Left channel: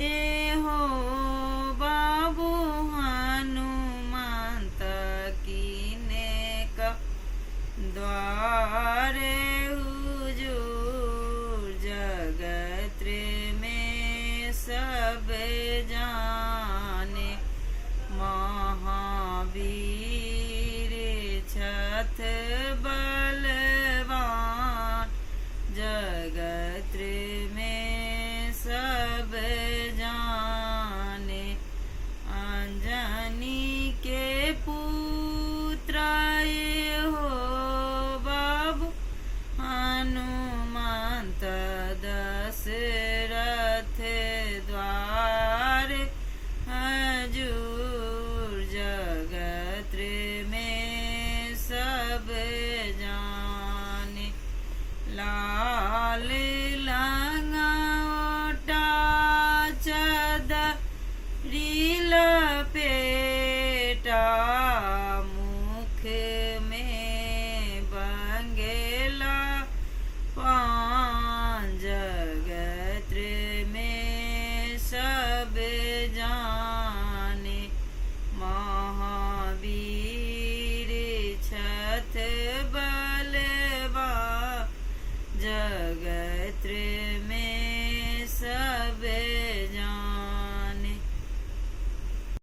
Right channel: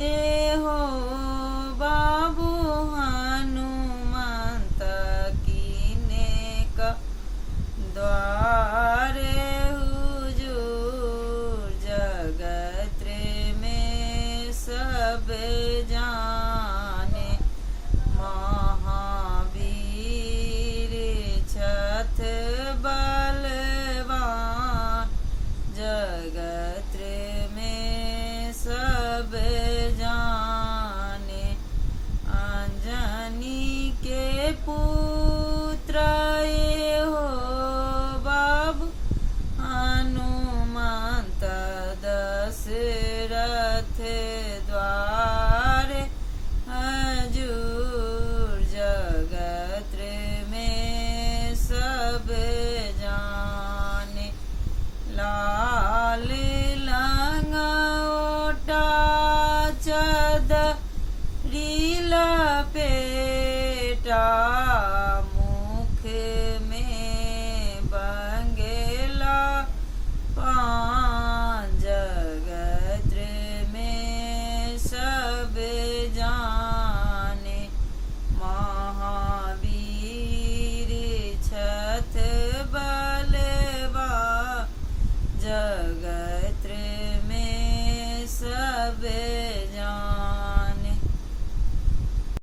ए हो बाबू हनुमंत कीने का द्वारे हुजूर जगत में सब जाने महावीर छथ बलवान जगत में सब जाने अंजनी के पुत्र ये हो बाबू हनुमंत दशरथ द्वारे हजूर जगत में सब जाने लाल लंगोटा चदरी लपेटा मुख में बंगेला पान जगत में सब जाने महावीर छथ बलवा जगत में सब